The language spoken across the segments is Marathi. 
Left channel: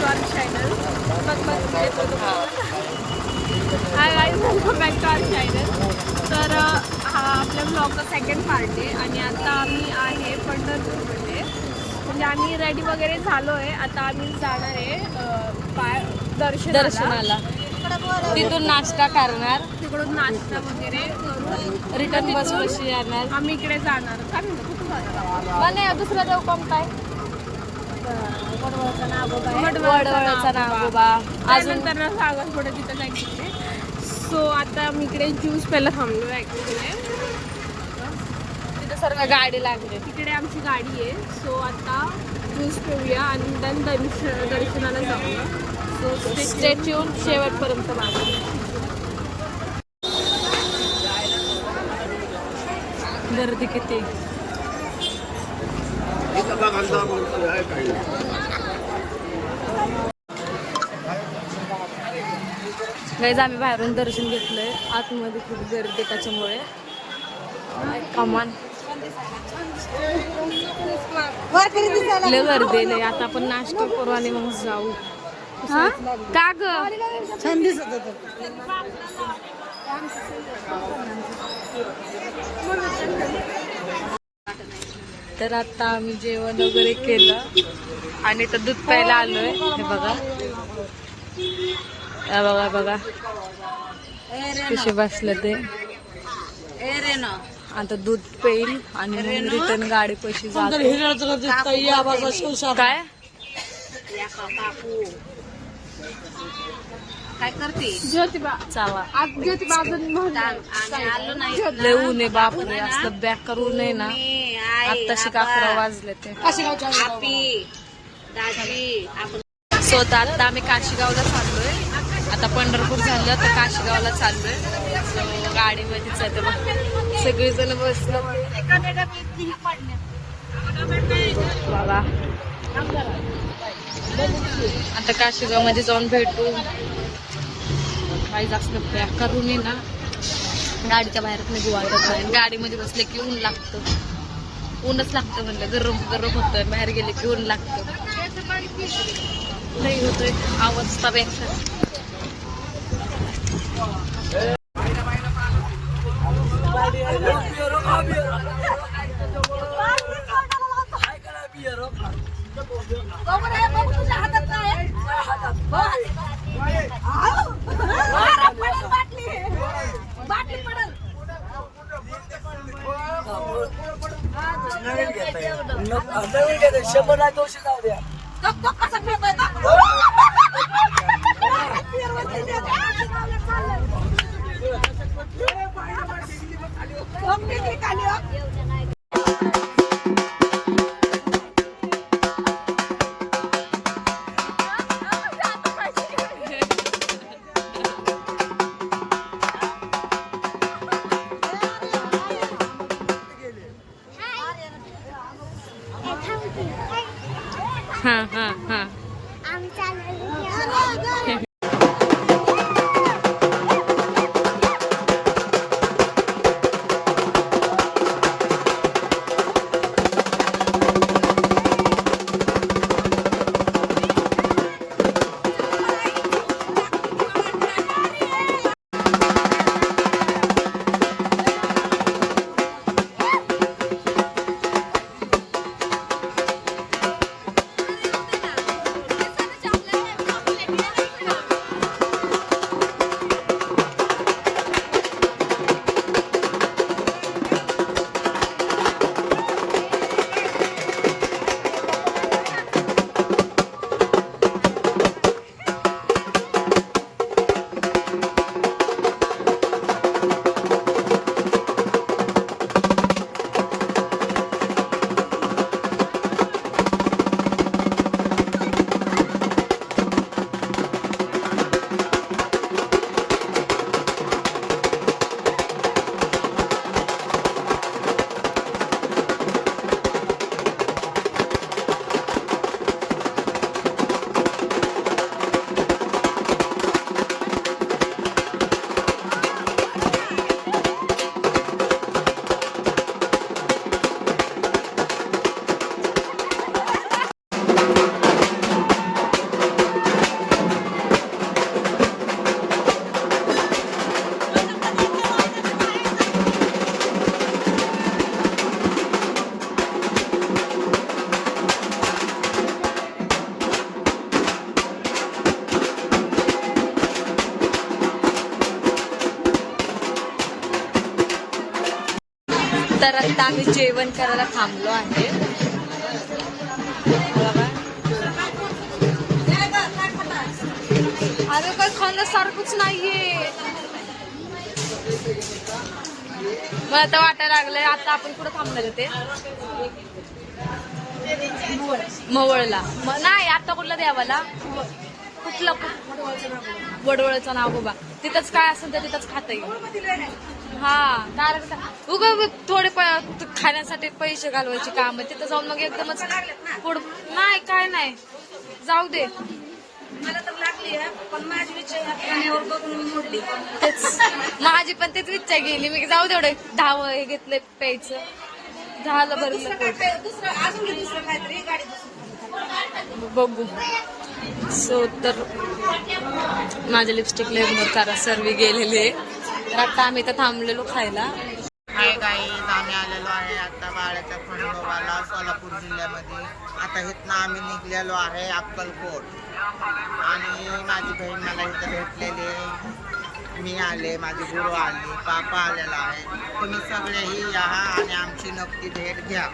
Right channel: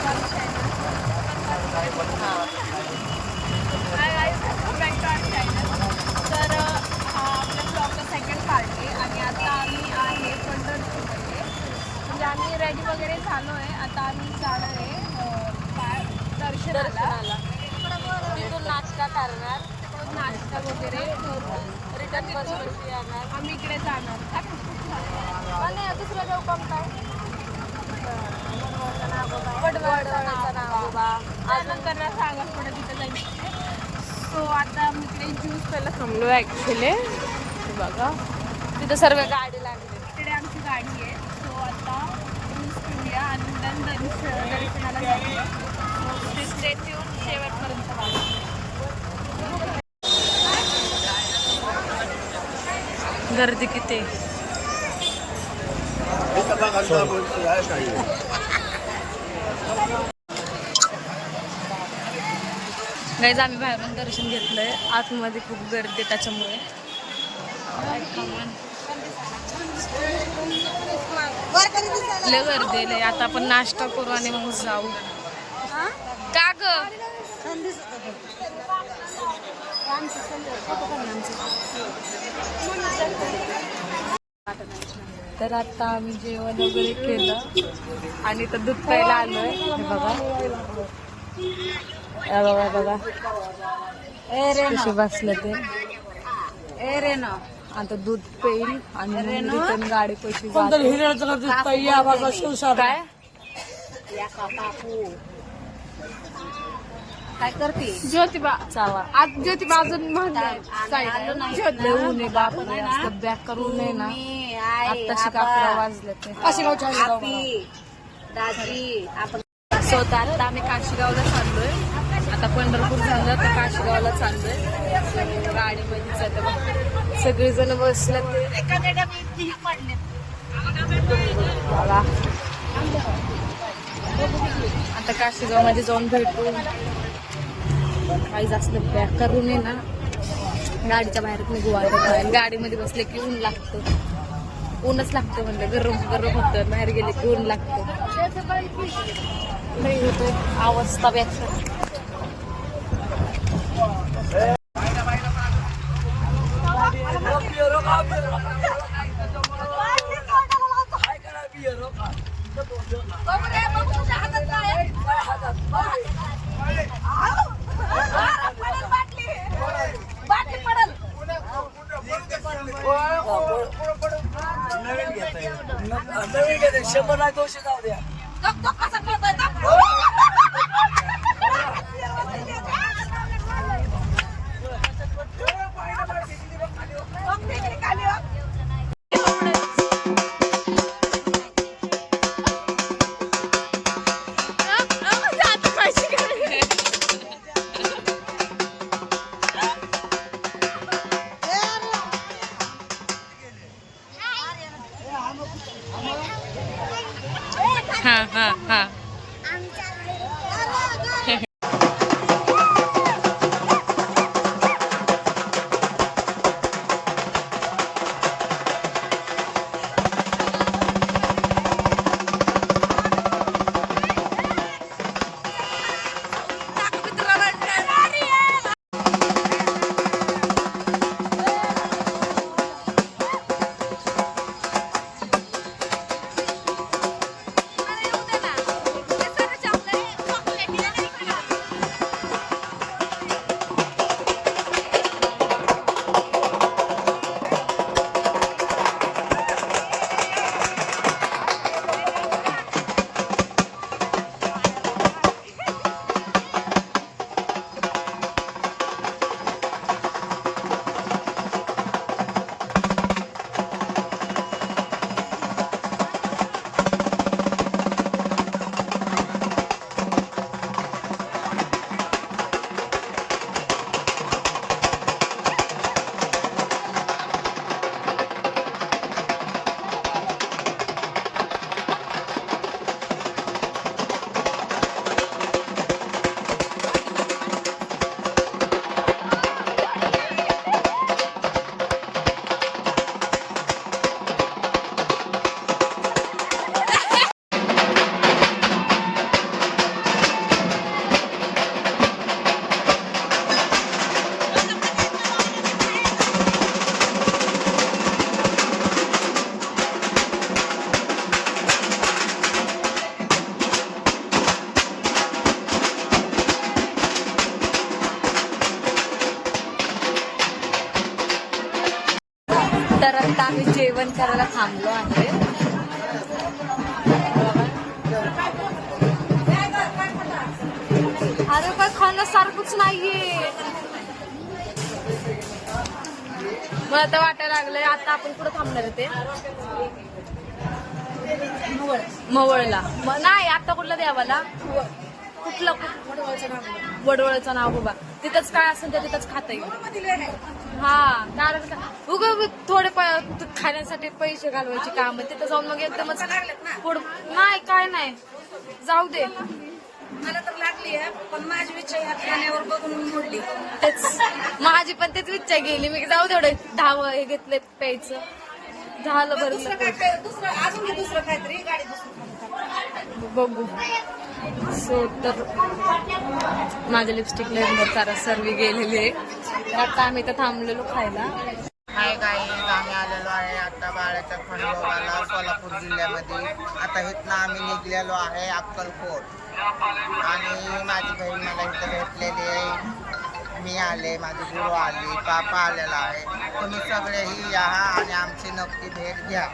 To our channel. Hi guys, welcome back to our channel. तर हा आपल्या ब्लॉगचा सेकंड पार्ट आहे आणि आता आम्ही आहे पंढरपूरमध्ये. म्हणजे आम्ही रेडी वगैरे झालो आहे. आता आम्ही जाणार आहे दर्शनाला. तिथून नाश्ता करणार, तिकडून नाश्ता वगैरे करून रिटर्न बसवशी येणार. आम्ही इकडे जाणार. काय म्हणतो कुठे जाणार? मला दुसरं देऊ काम काय त्यानंतर सागर पुढे तिथं जायचं. सो आता आम्ही इकडे ज्यूस प्यायला थांबलो आहे ॲक्च्युली. बघा तिथं सर्व गाडी लागली. तिकडे आमची गाडी आहे. सो आता ज्यूस पिऊया आणि नंतर दर्शनाला जाऊया. सो स्टे ट्यून, शेवटपर्यंत बघा. गर्दी किती. गाईज आम्ही बाहेरून दर्शन घेतलंय. आतमध्ये खूप गर्दी त्याच्यामुळे कमान लय गर्दी लय. आता आपण नाश्ता करू आणि मग जाऊ. का ग तर आता आम्ही जेवण वगैरे केलं आणि तर दूध प्यायला आलोय. हे बघा, बघा बघा कसे बसले ते. आता दूध पेईल आणि मग रिटर्न गाडी पैसे जातो. काय काय करते ज्योतिबा? चावा आज ज्योतिबा अजून लय ऊन आहे बापरे. असं बॅक करू नये ना. आत्ताशी 11 वाजले ते. स्वतः आता आम्ही काशीगावला चाललोय. आता पंढरपूर झालं तर काशीगावला चाललोय. गाडीमध्येच जाते बघ. सगळेजण बसले बघा. आता काशीगाव मध्ये जाऊन भेटू. काही जास्त बॅक करू नये ना. गाडीच्या बाहेर निघू वाटत नाही. गाडीमध्ये बसले की ऊन लागतं. ऊनच लागतं म्हणलं. गरम गरम होतं. बाहेर गेले की ऊन लागतं. लई होतोय अवस्था पेक्षा. हा हा हा. तर आता आम्ही जेवण करायला थांबलो आहे. अरे काय खाण्यासारखंच नाहीये. मला आता वाटायला लागलंय आता आपण कुठं थांबणार आहे ते मवळला. नाही आता कुठला देवाला कुठलं वडवळचं नाव बाबा. तिथंच काय असेल तर तिथंच खाता येईल. हा कारण उगा थोडे खाण्यासाठी पैसे घालवायची काम तिथं जाऊन मग एकदमच नाही काय नाही जाऊ दे. माझी पण तेच इच्छा गेली. मी जाऊ दे एवढं 10 हे घेतलंय प्यायचं झालं बरं. बघू. सो तर माझ्या लिपस्टिकला इग्नोर करा सर्वी गेलेली आहे. तर आता आम्ही इथं थांबलेलो खायला. हाय गाईज, आम्ही आलेलो आहे आता बाळाच्या खंडोबाला सोलापूर जिल्ह्यामध्ये. आता इथनं आम्ही निघलेलो आहे अक्कलकोट. आणि माझी बहीण मला इथं भेटलेली आहे. मी आले, माझी गुरु आली, पापा आलेला आहे. तुम्ही सगळेही या आणि आमची नक्की भेट घ्या.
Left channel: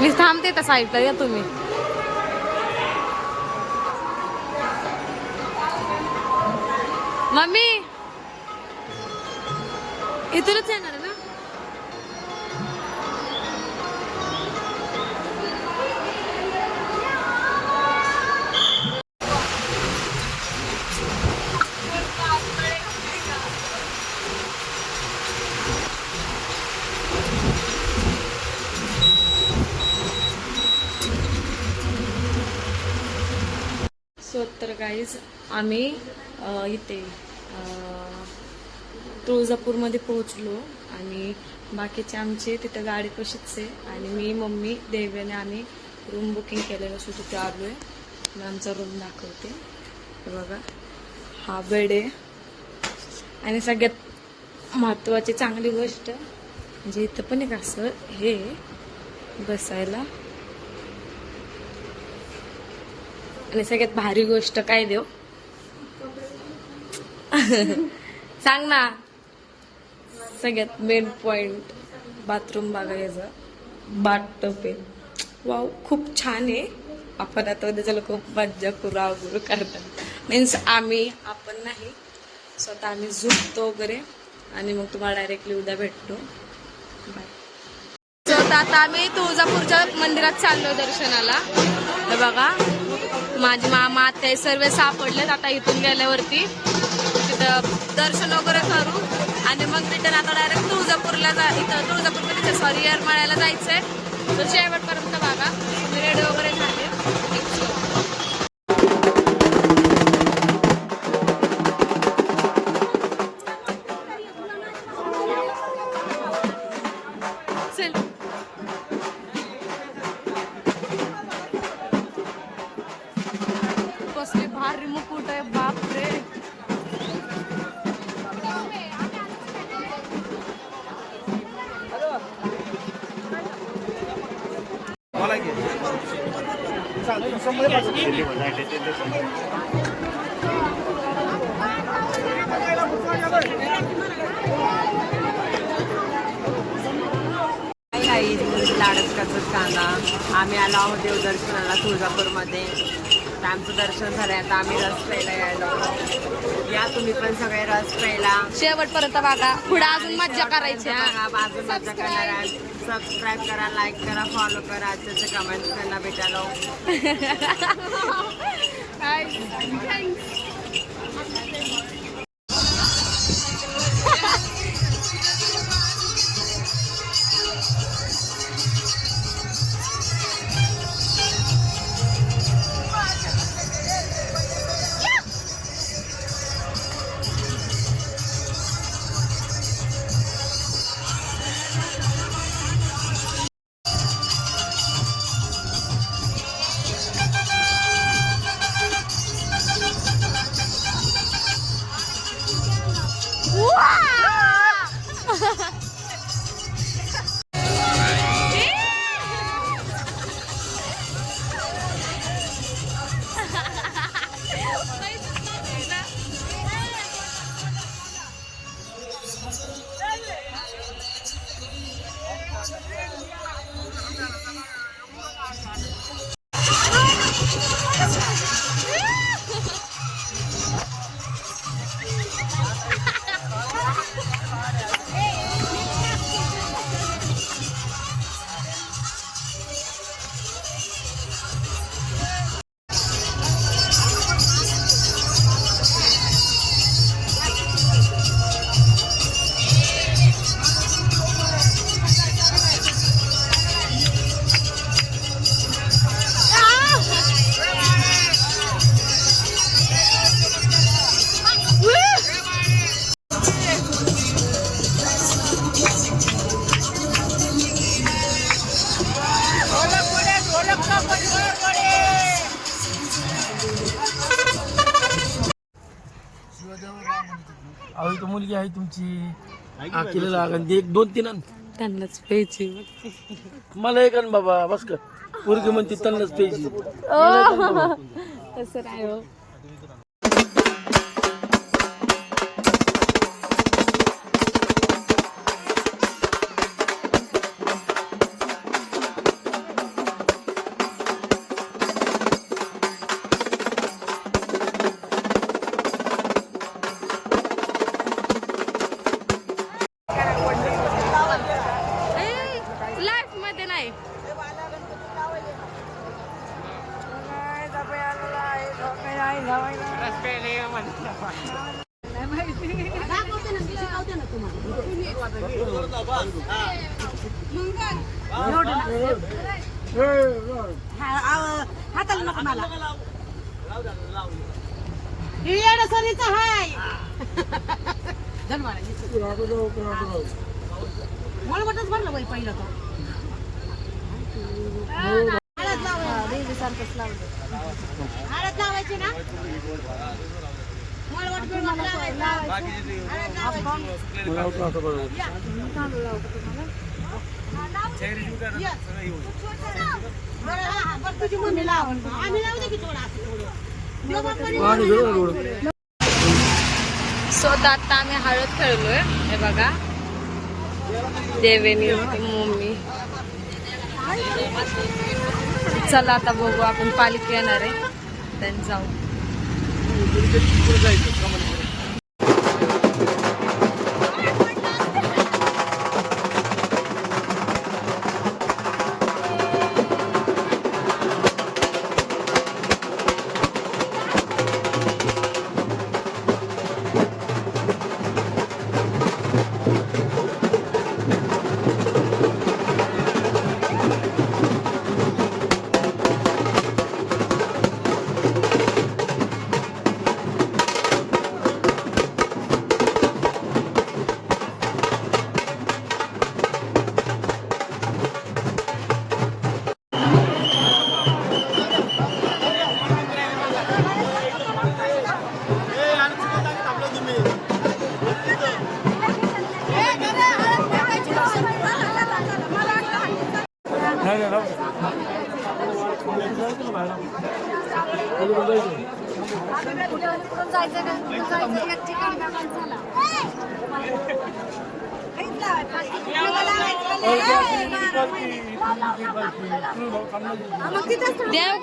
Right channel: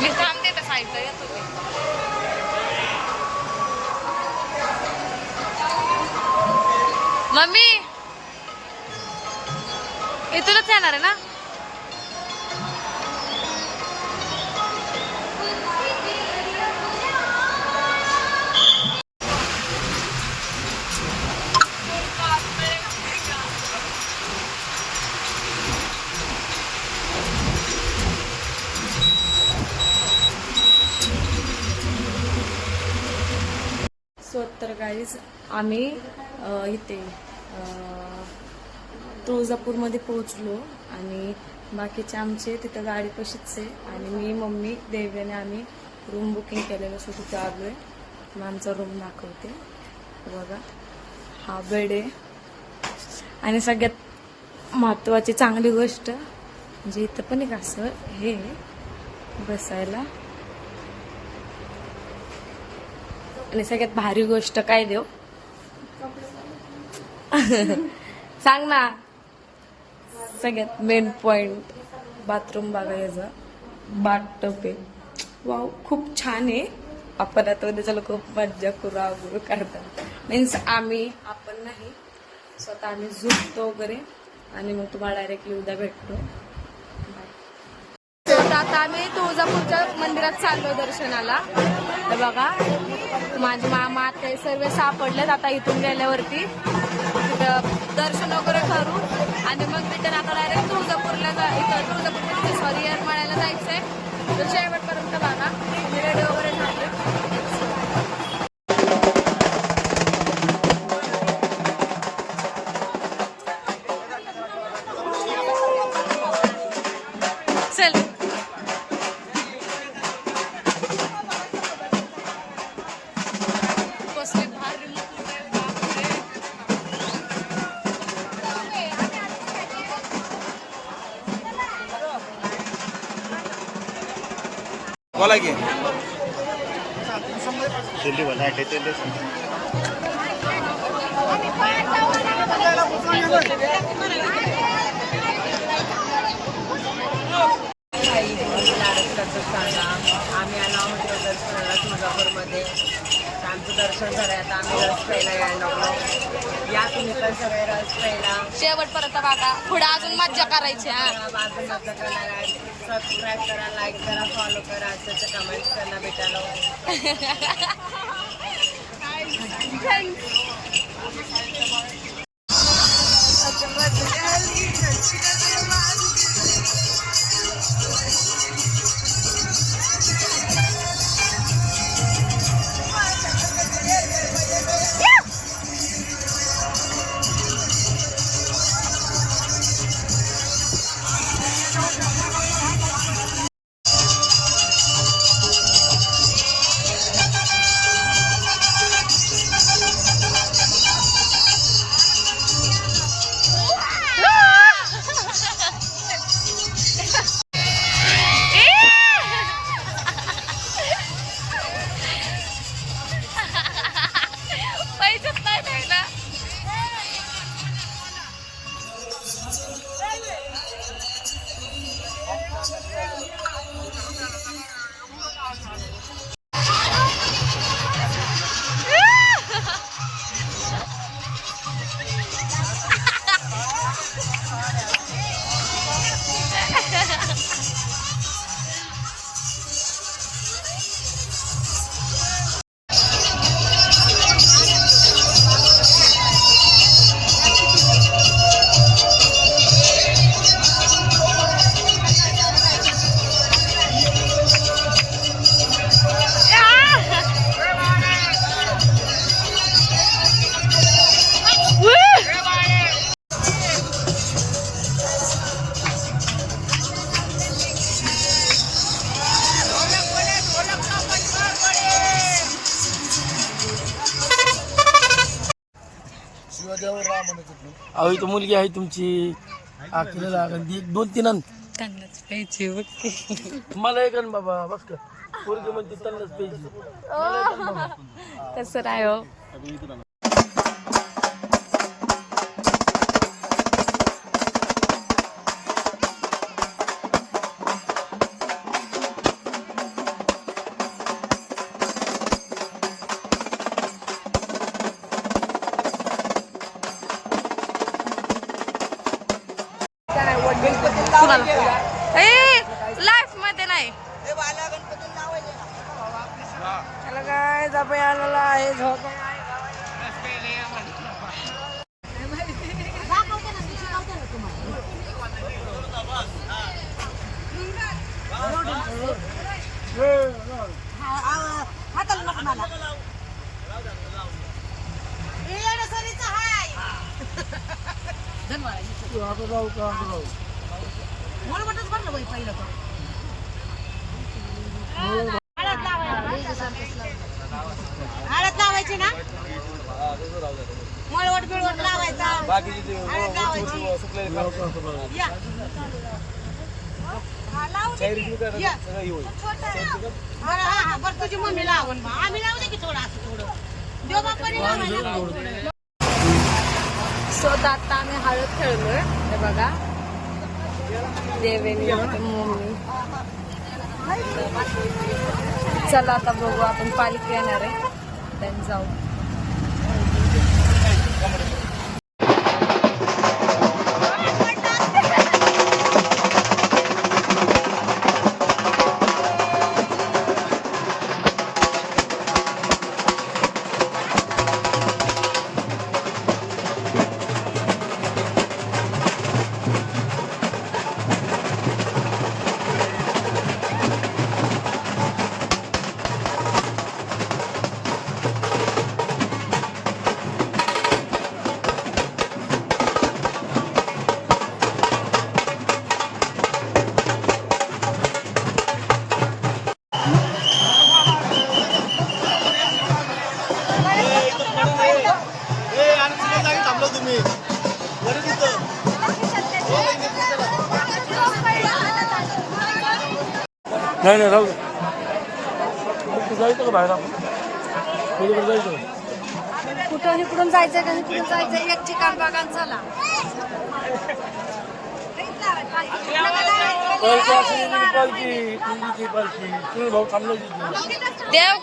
मी थांबते तसा ऐकता या तुम्ही. मम्मी इथूनच येणार आहे ना. सो तर गाईज आम्ही इथे तुळजापूरमध्ये पोहोचलो आणि बाकीचे आमचे तिथं गाडी कशीच आहे. आणि मी मम्मी देव्याने आम्ही रूम बुकिंग केलेलं सो तिथे आलो आहे. मी आमचा रूम दाखवते. बघा हा बेड आहे. आणि सगळ्यात महत्त्वाची चांगली गोष्ट म्हणजे इथं पण एक असं हे बसायला. आणि सगळ्यात भारी गोष्ट काय देऊ सांग ना. सगळ्यात मेन पॉइंट बाथरूम बघायचं. बाथटब आहे. वाव खूप छान आहे. आपण आता उद्या चला खूप मज्जा करू आगरू करतात मीन्स आपण नाही स्वतः आम्ही झोपतो वगैरे. आणि मग तुम्हाला डायरेक्टली उद्या भेटतो. बाय. सो आता आम्ही तुळजापूरच्या मंदिरात चाललोय दर्शनाला. हे बघा माझी मामा ते सर्व सापडलेत. आता इथून गेल्यावरती तिथं दर्शन वगैरे करू आणि मग रिटर्न आता डायरेक्ट तुळजापूरला इथं तुळजापूरमध्ये सॉरी येरमाळ्याला जायचंय. तर शेवटपर्यंत बघा. मी रेडी वगैरे झाले. चल कसली भारी मुकुट आहे बापरे. बोला की आम्ही आलो आहोत देवदर्शनाला तुळजापूरमध्ये. आमचं दर्शन झालं. आता आम्ही रस प्यायला यायला. या तुम्ही पण सगळे रस प्यायला. शेवटपर्यंत बघा. पुढे अजून मज्जा करायची. अजून मजा करणार आहे. सबस्क्राईब करा, लाईक करा, फॉलो करा. आजच्या कमेंट्स करा भेटायला. पैसेच नाही द्यायला. अहो इथं मुलगी आहे तुमची केलेला लागन एक 2-3 आण. त्यांनाच प्यायची बघ. मला एक आण बाबा बस का मुलगी म्हणते त्यांनाच प्यायची. तसं नाही हो. लाईफ मध्ये नाही. हाताला नको मला मळवटच भरलं बाई पहिलं तर हळद लावायची ना मळवट बिळवट लावायचा हळद लावायची बरं तुझी मम्मी लावून आम्ही लावू दे की थोडं असं थोडं देव बाप्पाने सो आता आम्ही हळद खेळलोय. हे बघा देवेनी मम्मी. चला आता बघू आपण पालखी येणार आहे then जाऊ. नाही नाही राहू जायचं का बाहेर जायचं कुठून जायचं एक ठिकाण बघा चला देव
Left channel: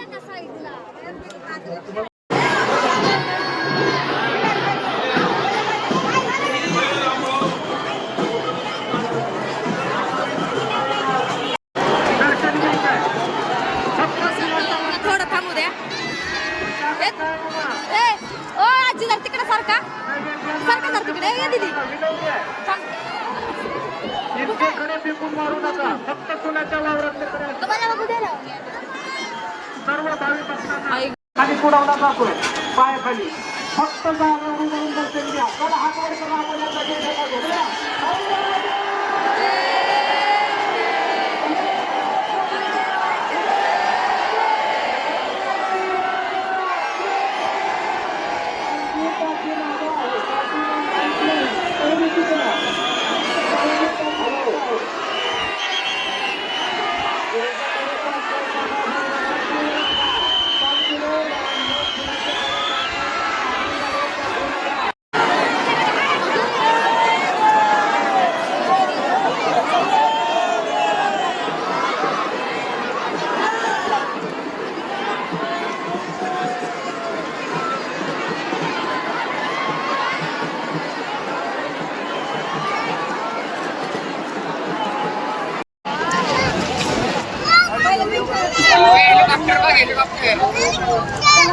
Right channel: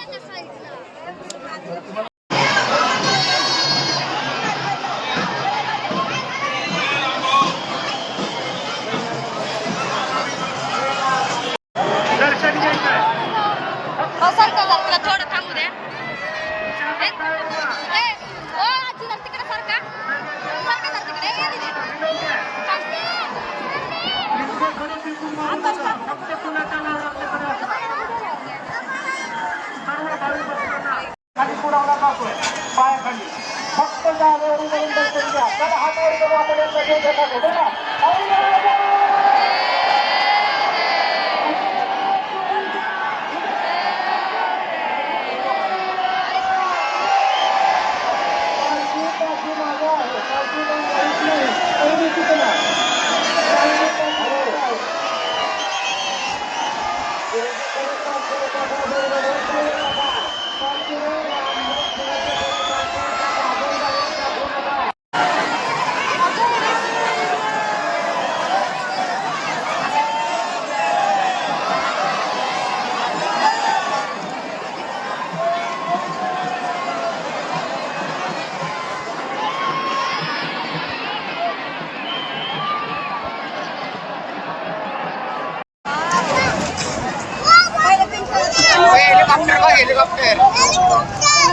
थोडं थांबू द्या. आजी जर खाली पुढावला जातोय पायाखाली फक्त जागेवर उभारून दर्शन घ्या. चला हात वर करून आपण यांना घेऊन जातो बघा.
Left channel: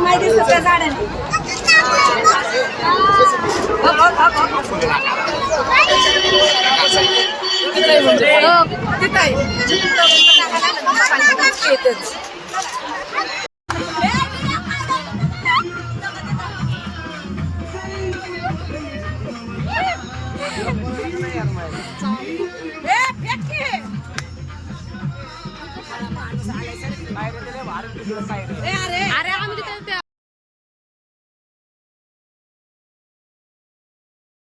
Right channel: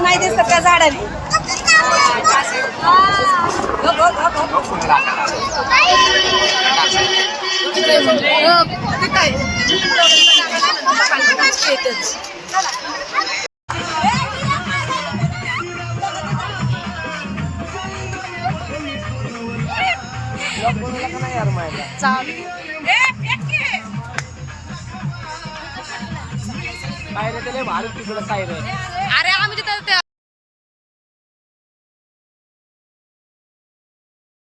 माहिती सगळ्या झाडाने अरे आम्ही तिथं